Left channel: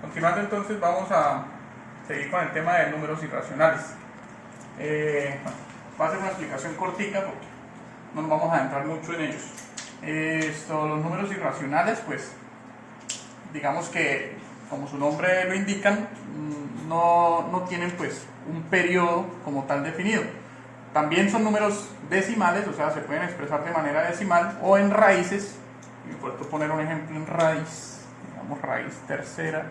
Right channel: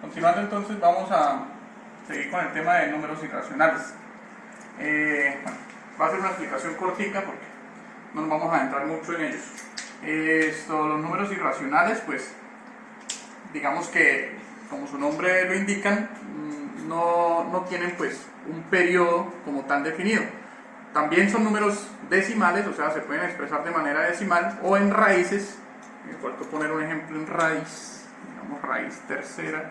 Continuando entonces, vamos a seguir con el tema de números irracionales. Bueno, va a ser una explicación cortica porque no nos vamos a adentrar mucho en ellos. Los números irracionales, pues digamos que como su nombre lo indican, no tienen pues un periodo como tal definido. También son números decimales, o sea, se pueden expresar de manera decimal o en raíces. Puedo poner un ejemplo en raíz, digamos raíz tercera,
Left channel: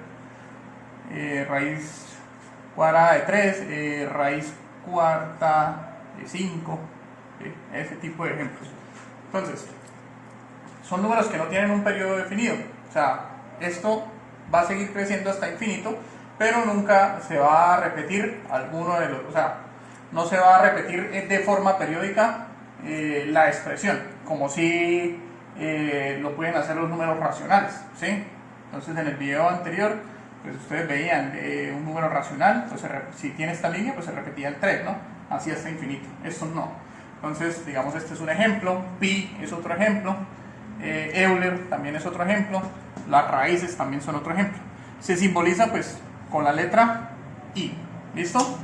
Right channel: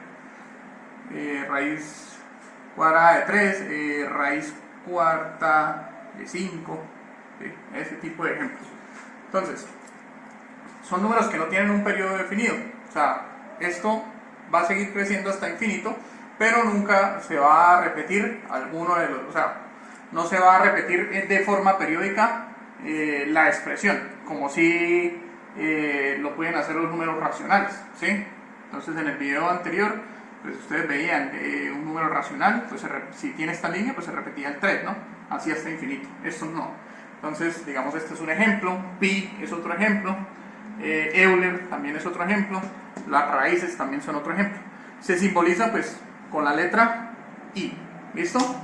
raíz cuadrada de 3, raíz cuarta de 5, ese tipo de ejemplos. Entonces, son números que no tienen un periodo definido, o sea, esto va a seguir creciendo hasta infinito, pero nunca se va a repetir alguno de los, o sea, no se va a repetir de forma periódica la expresión, como si lo pueden hacer los números racionales, ¿sí? Entonces en el video anterior, pues ustedes veían un número racional, pues si tiene esta línea, pues se repetía el 3, ¿no? Así hasta infinito. Esto no. Entonces, digamos, este es un ejemplo, pi es otro ejemplo, Euler también es otro ejemplo, las raíces también son otro ejemplo. Se simboliza pues con la letra I, ¿listo?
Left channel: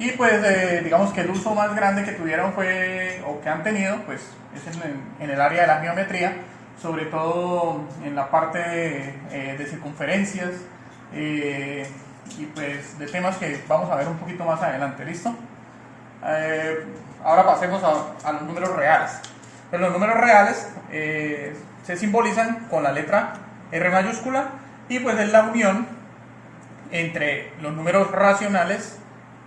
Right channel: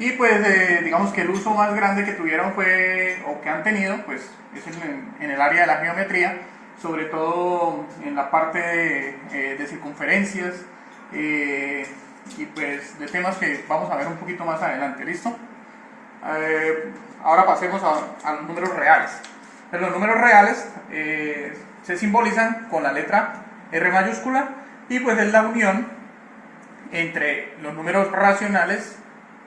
Y pues digamos que el uso más grande que tuvieron fue, o que han tenido, pues es en el área de la geometría, sobre todo en la parte de circunferencias y pues de temas que vamos a ver un poquito más adelante, ¿listo? Ahora pasemos a los números reales. Los números reales se simbolizan con la letra R mayúscula y pues es la unión entre los números racionales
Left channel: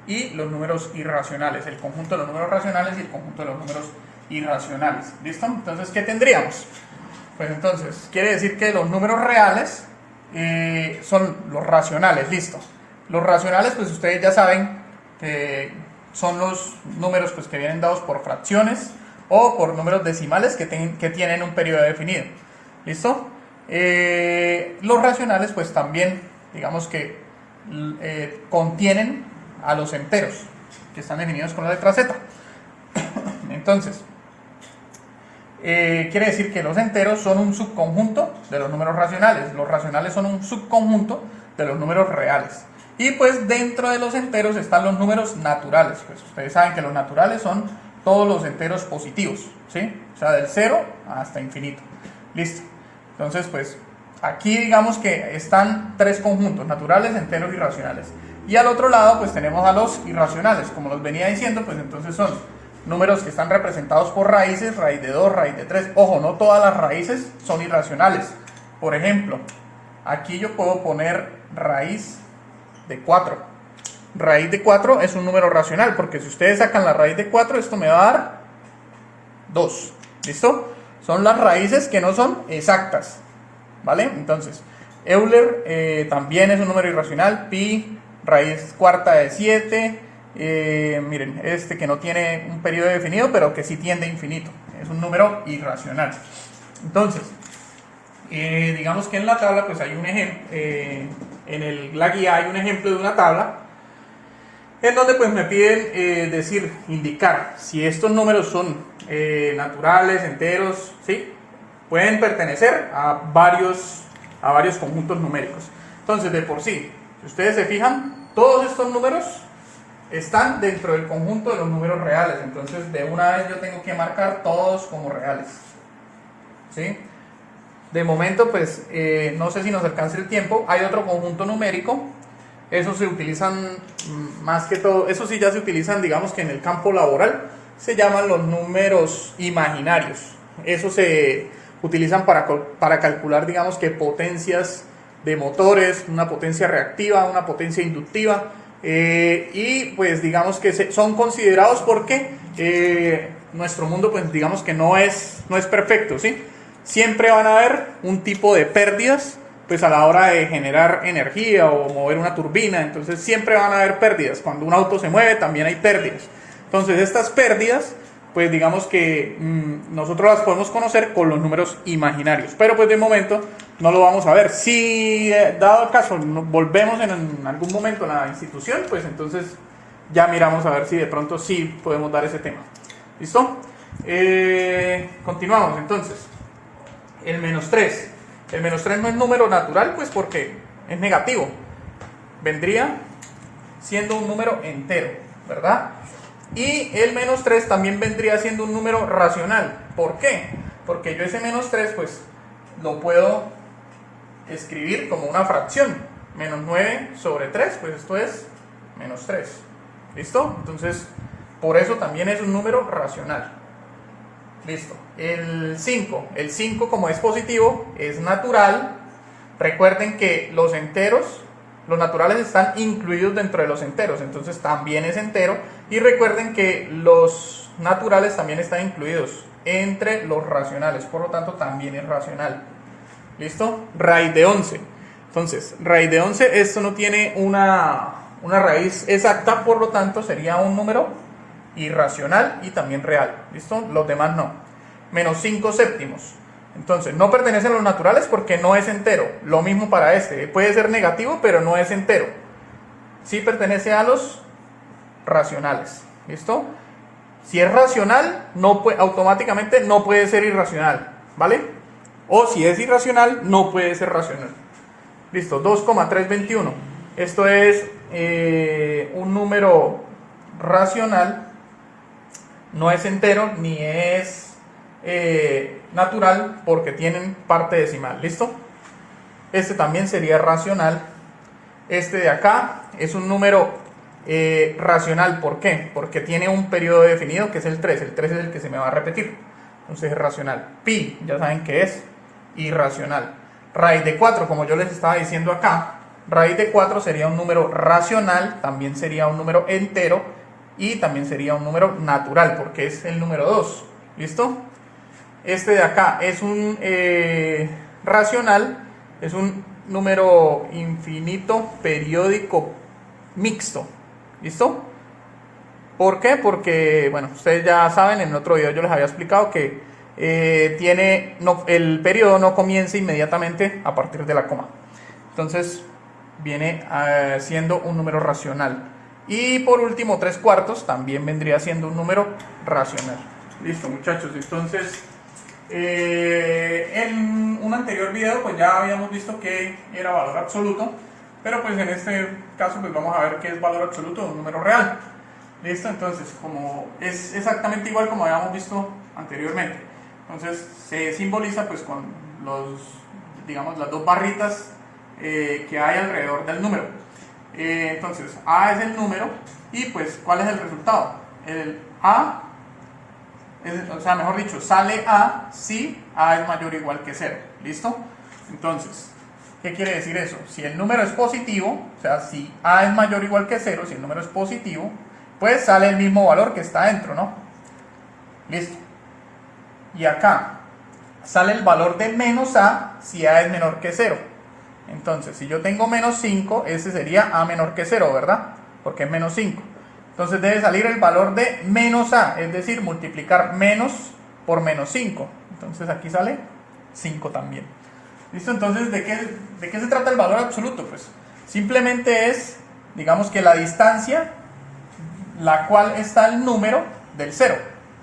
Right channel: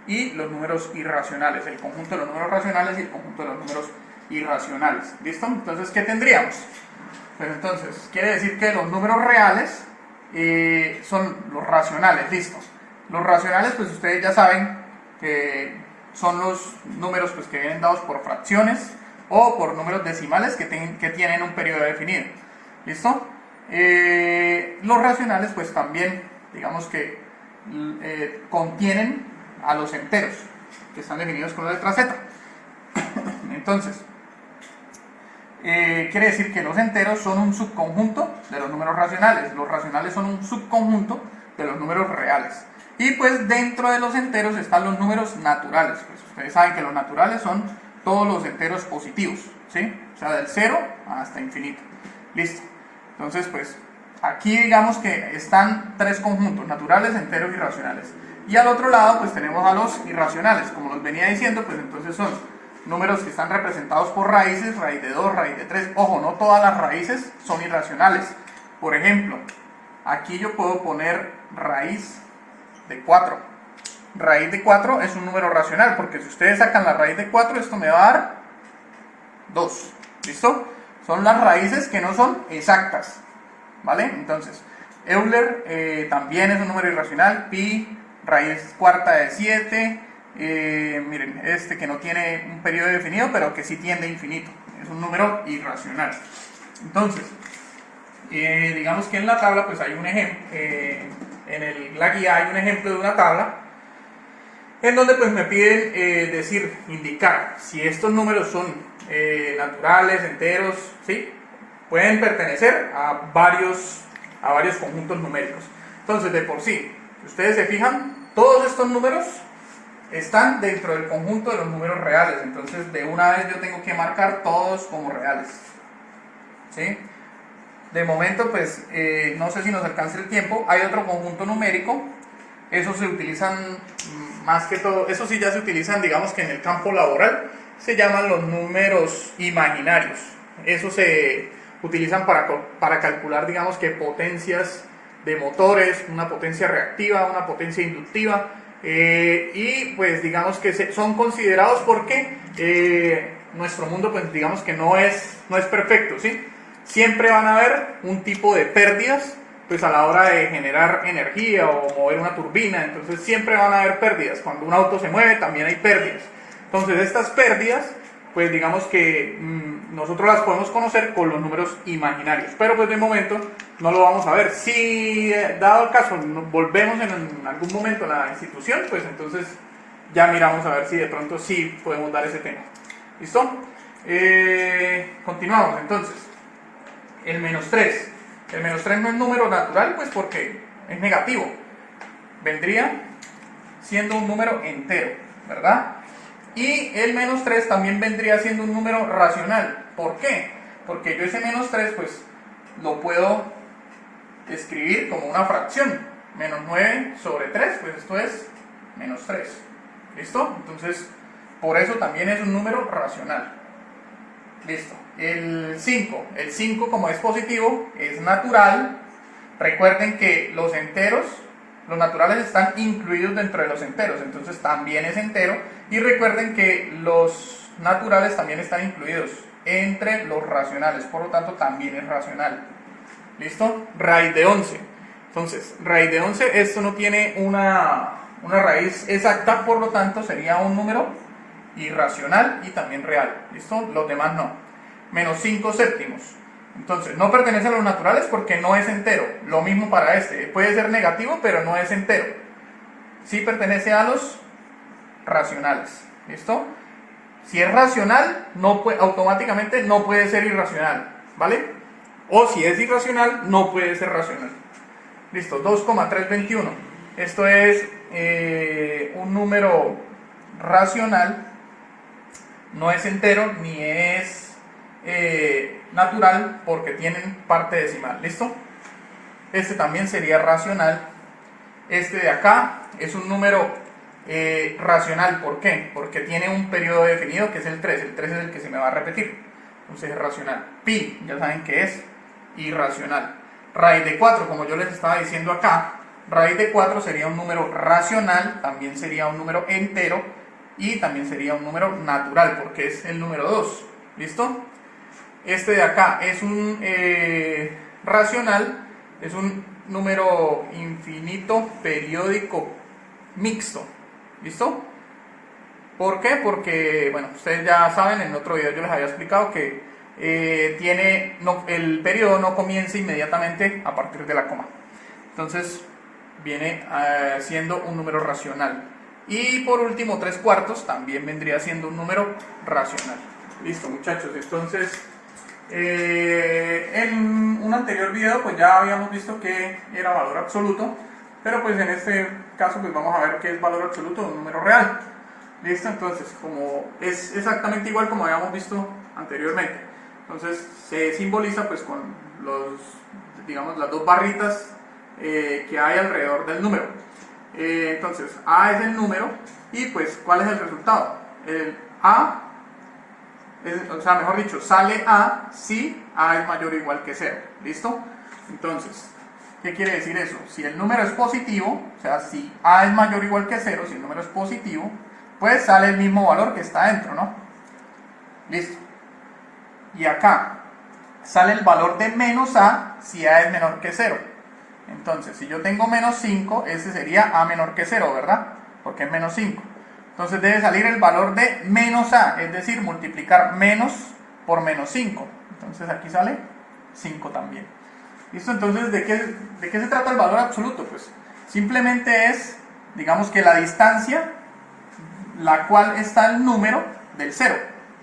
y los números irracionales, el conjunto de los números racionales y el conjunto de los números irracionales. ¿Listo? Entonces, ¿qué tendríamos? Pues entonces, quiere decir que los números reales son los racionales, listo. Los racionales, pues ustedes ya saben que son los números pues, que vienen dados por fracciones o por números decimales que tienen un periodo definido. ¿Listo? Los racionales, pues también, digamos que contienen a los enteros, que están definidos con la letra Z. Entonces, quiere decir que los enteros son un subconjunto de los números racionales. Los racionales son un subconjunto de los números reales. Y pues dentro de los enteros están los números naturales. Pues ustedes saben que los naturales son todos los enteros positivos, ¿sí? O sea, del 0 hasta infinito. Listo. Entonces, pues aquí digamos que están tres conjuntos, naturales, enteros y racionales. Y al otro lado, pues tenemos a los irracionales. Como los venía diciendo, pues entonces son números que están representados por raíces, raíz de 2, raíz de 3. Ojo, no todas las raíces son irracionales. Por ejemplo, aquí yo puedo poner raíz de 4. Raíz de 4 es un número racional, porque si ustedes sacan la raíz de 4, esto me va a dar 2. ¿Listo? Son las raíces que no son exactas, ¿vale? Entonces, Euler también es un número irracional, pi, raíz cuarta de 7, miren, este que no tiene un periodo definido, pero que sí tiende a infinito, es un número irracional. Entonces, digamos que en la tabla pues hay un ejemplo, la guía hay un ejemplo de una tabla en donde pues me piden indicar si estos números son naturales, enteros, ¿sí? Pueden pertenecer a varios conjuntos numéricos. Entonces, de por sí, si ustedes se fijan, todos estos números están dentro del conjunto de los números reales. Entonces, de una vez yo tengo que marcar todos como reales, ¿sí? De momento, pues, no sé si nos alcanza el tiempo. Hay otro conjunto numérico. Esos se utilizan más que todo, esos sí ya se utilizan, digamos que en el campo laboral, se llaman los números imaginarios. Esos se utilizan para calcular, digamos que potencias de motores, una potencia reactiva, una potencia inductiva, y pues digamos que son considerados porque nuestro mundo pues digamos que no es perfecto, ¿sí? Siempre van a haber un tipo de pérdidas pues a la hora de generar energía o mover una turbina. Entonces siempre van a haber pérdidas. Cuando un auto se mueve también hay pérdidas. Entonces estas pérdidas pues digamos que nosotros las podemos conocer con los números imaginarios, pero pues de momento no lo vamos a ver. Si dado el caso volvemos en algún momento a la institución, pues entonces ya miramos a ver si de pronto sí podemos dar ese tema. ¿Listo? Continuamos entonces. El -3. El menos 3 no es número natural, pues porque es negativo. Vendría siendo un número entero, ¿verdad? Y el menos 3 también vendría siendo un número racional. ¿Por qué? Porque yo ese menos 3 pues lo puedo escribir como una fracción. Menos 9 sobre 3, pues esto es menos 3. ¿Listo? Entonces, por eso también es un número racional. Listo. El 5. El 5, como es positivo, es natural. Recuerden que los enteros, los naturales están incluidos dentro de los enteros, entonces también es entero. Y recuerden que los naturales también están incluidos entre los racionales, por lo tanto también es racional. ¿Listo? Raíz de 11. Entonces, raíz de 11, esto no tiene una raíz exacta, por lo tanto sería un número irracional y también real. ¿Listo? Los demás no. Menos 5 séptimos. Entonces, no pertenece a los naturales porque no es entero. Lo mismo para este. Puede ser negativo, pero no es entero. Sí pertenece a los racionales. ¿Listo? Si es racional, automáticamente no puede ser irracional. ¿Vale? O si es irracional, no puede ser racional. Listo, 2,321. Esto es un número racional. No es entero ni es natural porque tienen parte decimal. ¿Listo? Este también sería racional. Este de acá es un número racional. ¿Por qué? Porque tiene un periodo definido que es el 3. El 3 es el que se me va a repetir. Entonces es racional. Pi, ya saben que es irracional. Raíz de 4, como yo les estaba diciendo acá, raíz de 4 sería un número racional, también sería un número entero y también sería un número natural porque es el número 2. ¿Listo? Este de acá es un racional, es un número infinito periódico mixto. ¿Listo? ¿Por qué? Porque, bueno, ustedes ya saben, en otro video yo les había explicado que el periodo no comienza inmediatamente a partir de la coma. Entonces viene siendo un número racional. Y por último, 3/4 también vendría siendo un número racional. Listo, muchachos. Entonces, en un anterior video pues ya habíamos visto que era valor absoluto, pero pues en este caso pues vamos a ver qué es valor absoluto de un número real. Listo, entonces como es exactamente igual como habíamos visto anteriormente, entonces se simboliza pues con digamos las dos barritas que hay alrededor del número. Entonces A es el número y pues ¿cuál es el resultado? El A o sea, mejor dicho, sale A si A es mayor o igual que 0. ¿Listo? Entonces, ¿qué quiere decir eso? Si el número es positivo, o sea, si A es mayor o igual que 0, si el número es positivo, pues sale el mismo valor que está dentro, ¿no? Listo. Y acá sale el valor de menos A si A es menor que 0. Entonces, si yo tengo menos 5, ese sería A menor que 0, ¿verdad? Porque es menos 5. Entonces debe salir el valor de menos A, es decir, multiplicar menos por menos 5. Entonces aquí sale 5 también. ¿Listo? Entonces, ¿de qué se trata el valor absoluto? Pues simplemente es, digamos que la distancia la cual está el número del 0.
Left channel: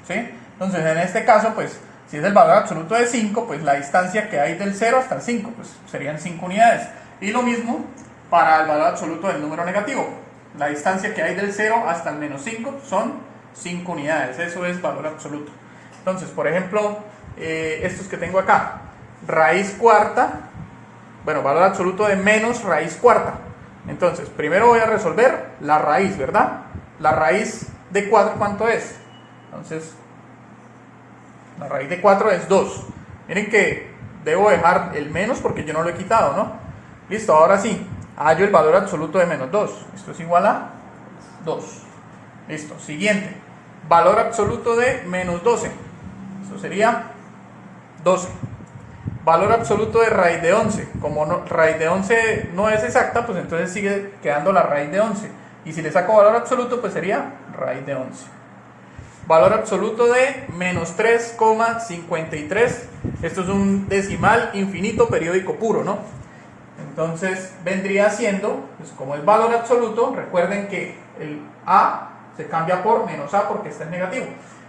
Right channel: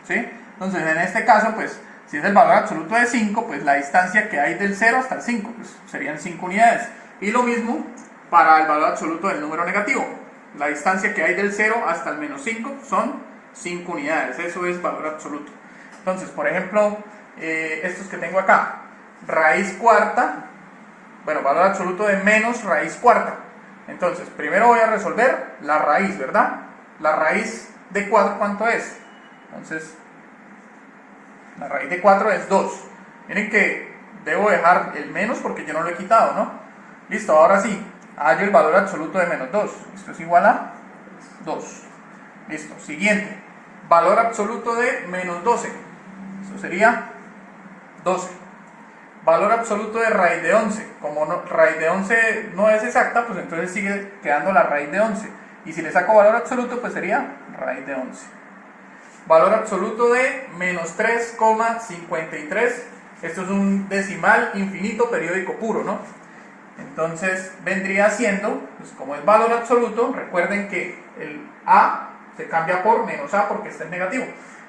¿Sí? Entonces, en este caso, pues, si es el valor absoluto de 5, pues la distancia que hay del 0 hasta el 5, pues serían 5 unidades. Y lo mismo para el valor absoluto del número negativo. La distancia que hay del 0 hasta el menos 5 son 5 unidades. Eso es valor absoluto. Entonces, por ejemplo, estos que tengo acá. Raíz cuarta. Bueno, valor absoluto de menos raíz cuarta. Entonces, primero voy a resolver la raíz, ¿verdad? La raíz de 4, ¿cuánto es? Entonces, la raíz de 4 es 2. Miren que debo dejar el menos porque yo no lo he quitado, ¿no? Listo, ahora sí. Hallo el valor absoluto de menos 2. Esto es igual a 2. Listo. Siguiente. Valor absoluto de menos 12. Eso sería 12. Valor absoluto de raíz de 11. Como raíz de 11 no es exacta, pues entonces sigue quedando la raíz de 11. Y si le saco valor absoluto, pues sería raíz de 11. Valor absoluto de menos 3,53. Esto es un decimal infinito periódico puro, ¿no? Entonces vendría siendo, pues como es valor absoluto, recuerden que el A se cambia por menos A porque está en negativo.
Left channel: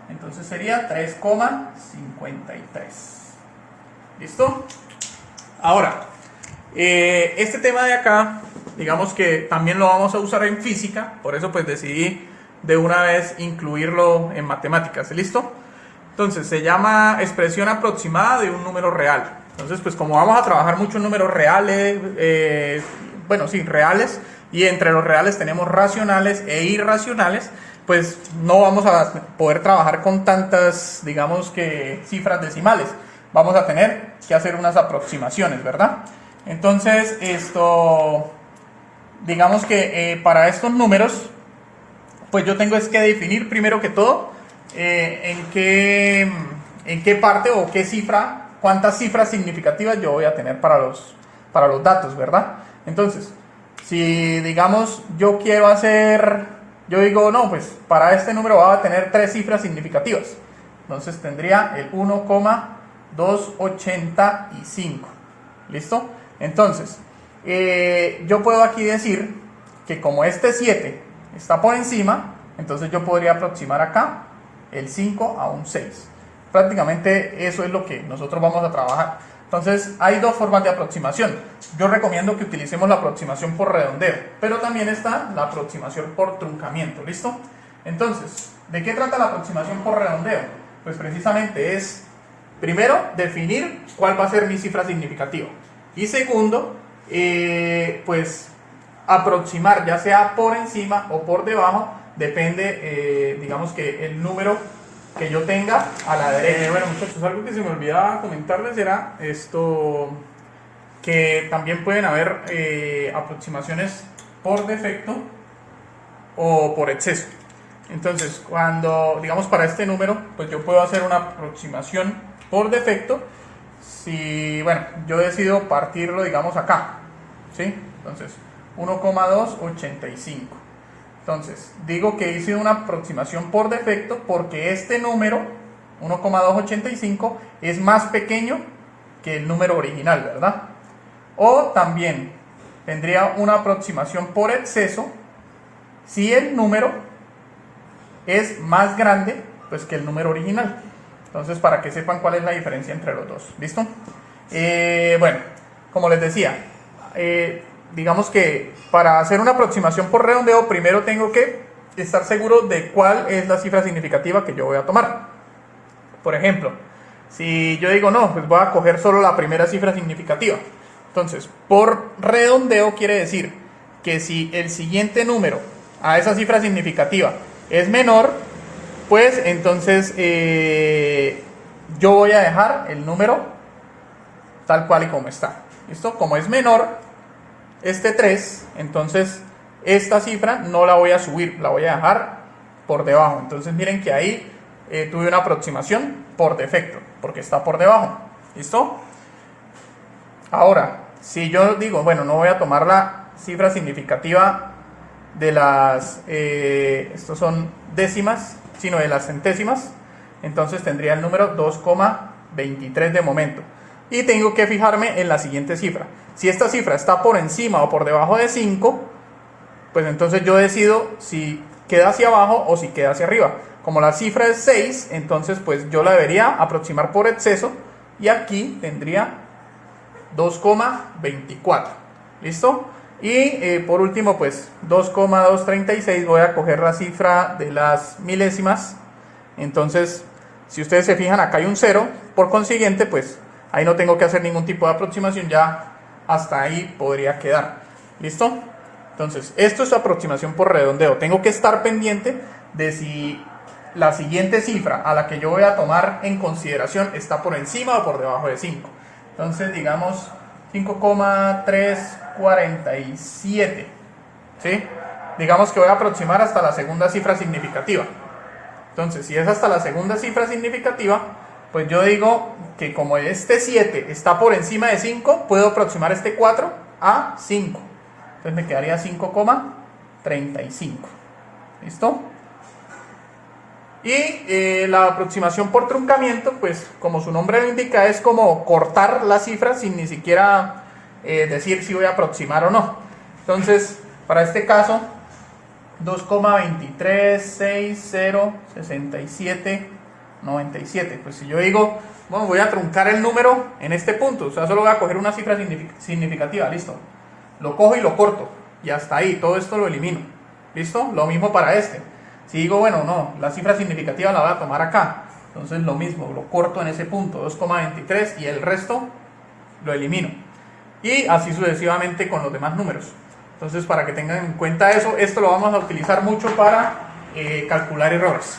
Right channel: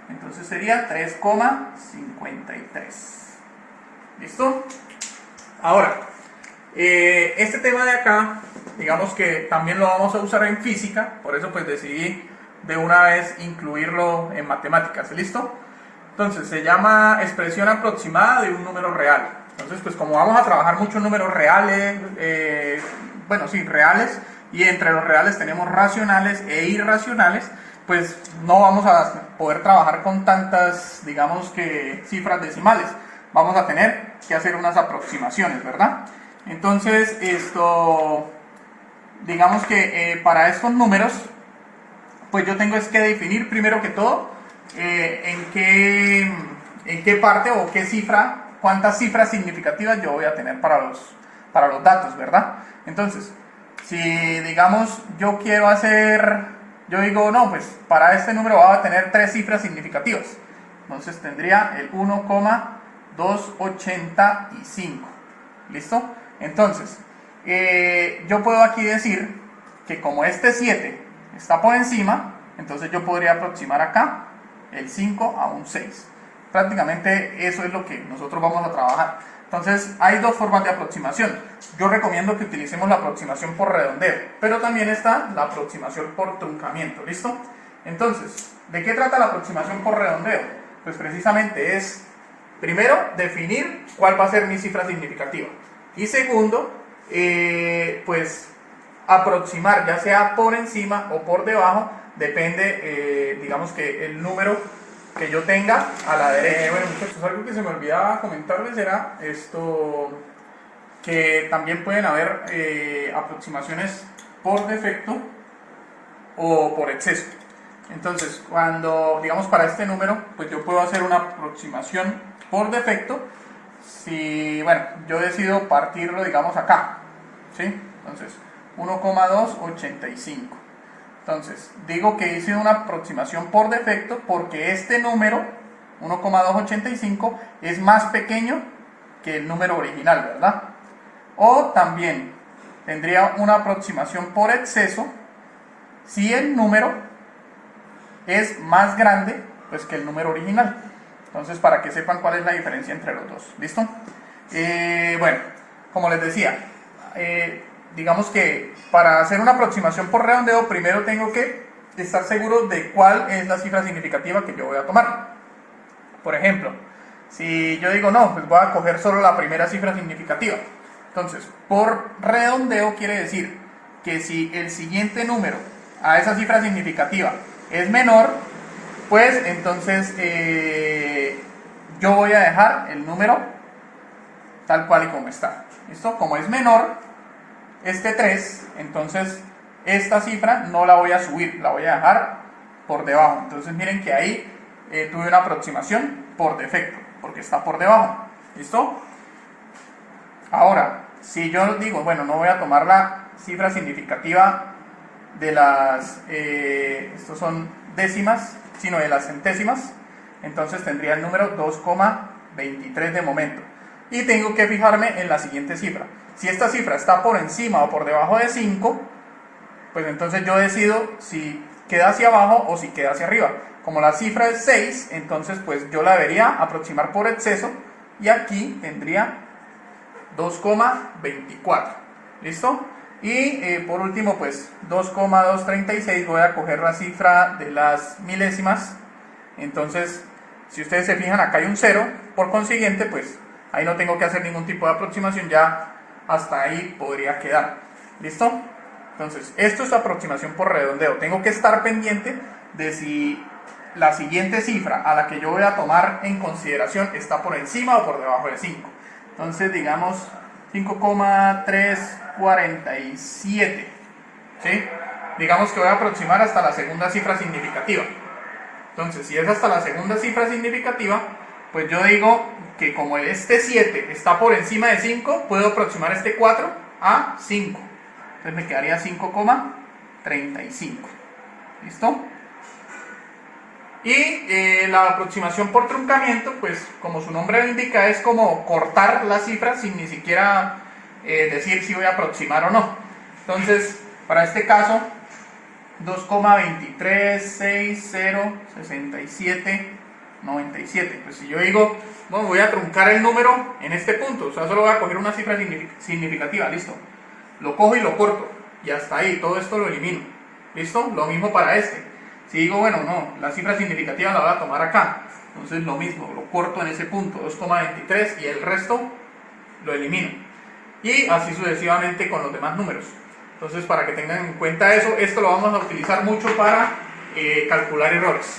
Entonces sería 3,53. ¿Listo? Ahora, este tema de acá, digamos que también lo vamos a usar en física, por eso pues decidí de una vez incluirlo en matemáticas. ¿Listo? Entonces se llama expresión aproximada de un número real. Entonces pues como vamos a trabajar muchos números reales, bueno sí, reales, y entre los reales tenemos racionales e irracionales, pues no vamos a poder trabajar con tantas, digamos que cifras decimales. Vamos a tener que hacer unas aproximaciones, ¿verdad? Entonces digamos que para estos números, pues yo tengo es que definir primero que todo en qué parte o qué cifra, cuántas cifras significativas yo voy a tener para los datos, ¿verdad? Entonces, si digamos yo quiero hacer, yo digo, no, pues para este número va a tener 3 cifras significativas. Entonces tendría el 1,285. ¿Listo? Entonces, yo puedo aquí decir que como este 7 está por encima, entonces yo podría aproximar acá el 5 a un 6. Prácticamente eso es lo que nosotros vamos a trabajar. Entonces hay dos formas de aproximación. Yo recomiendo que utilicemos la aproximación por redondeo, pero también está la aproximación por truncamiento. ¿Listo? Entonces, ¿de qué trata la aproximación por redondeo? Pues precisamente es, primero, definir cuál va a ser mi cifra significativa. Y segundo, pues aproximar, ya sea por encima o por debajo, depende, digamos que el número que yo tenga a la derecha. Bueno muchachos, algo que se me olvidaba comentarles era que también pueden haber aproximaciones por defecto o por exceso. Entonces, cuando, digamos, para este número, pues yo puedo hacer una aproximación por defecto si, bueno, yo decido partirlo, digamos, acá, ¿sí? Entonces, 1,285. Entonces, digo que hice una aproximación por defecto porque este número, 1,285, es más pequeño que el número original, ¿verdad? O también tendría una aproximación por exceso si el número es más grande pues, que el número original. Entonces, para que sepan cuál es la diferencia entre los dos. ¿Listo? Bueno, como les decía, digamos que para hacer una aproximación por redondeo, primero tengo que estar seguro de cuál es la cifra significativa que yo voy a tomar. Por ejemplo, si yo digo, no, pues voy a coger solo la primera cifra significativa. Entonces, por redondeo quiere decir que si el siguiente número a esa cifra significativa es menor, pues entonces yo voy a dejar el número tal cual y como está. ¿Listo? Como es menor este 3, entonces esta cifra no la voy a subir, la voy a dejar por debajo. Entonces miren que ahí tuve una aproximación por defecto, porque está por debajo. ¿Listo? Ahora, si yo digo, bueno, no voy a tomar la cifra significativa de las, estos son décimas, sino de las centésimas, entonces tendría el número 2,23 de momento. Y tengo que fijarme en la siguiente cifra. Si esta cifra está por encima o por debajo de 5, pues entonces yo decido si queda hacia abajo o si queda hacia arriba. Como la cifra es 6, entonces pues yo la debería aproximar por exceso y aquí tendría 2,24. ¿Listo? Y por último pues 2,236 voy a coger la cifra de las milésimas. Entonces si ustedes se fijan acá hay un 0, por consiguiente pues ahí no tengo que hacer ningún tipo de aproximación, ya hasta ahí podría quedar. ¿Listo? Entonces esto es aproximación por redondeo. Tengo que estar pendiente de si la siguiente cifra a la que yo voy a tomar en consideración está por encima o por debajo de 5. Entonces digamos 5,347, ¿sí? Digamos que voy a aproximar hasta la segunda cifra significativa. Entonces si es hasta la segunda cifra significativa, pues yo digo que como este 7 está por encima de 5, puedo aproximar este 4 a 5. Entonces me quedaría 5,35. ¿Listo? Y la aproximación por truncamiento, pues como su nombre lo indica, es como cortar la cifra sin ni siquiera decir si voy a aproximar o no. Entonces, para este caso, 2,236067 97. Pues si yo digo, bueno, voy a truncar el número en este punto, o sea, solo voy a coger una cifra significativa, listo. Lo cojo y lo corto, y hasta ahí, todo esto lo elimino. ¿Listo? Lo mismo para este. Si digo, bueno, no, la cifra significativa la voy a tomar acá, entonces lo mismo, lo corto en ese punto, 2,23, y el resto lo elimino. Y así sucesivamente con los demás números. Entonces, para que tengan en cuenta eso, esto lo vamos a utilizar mucho para calcular errores.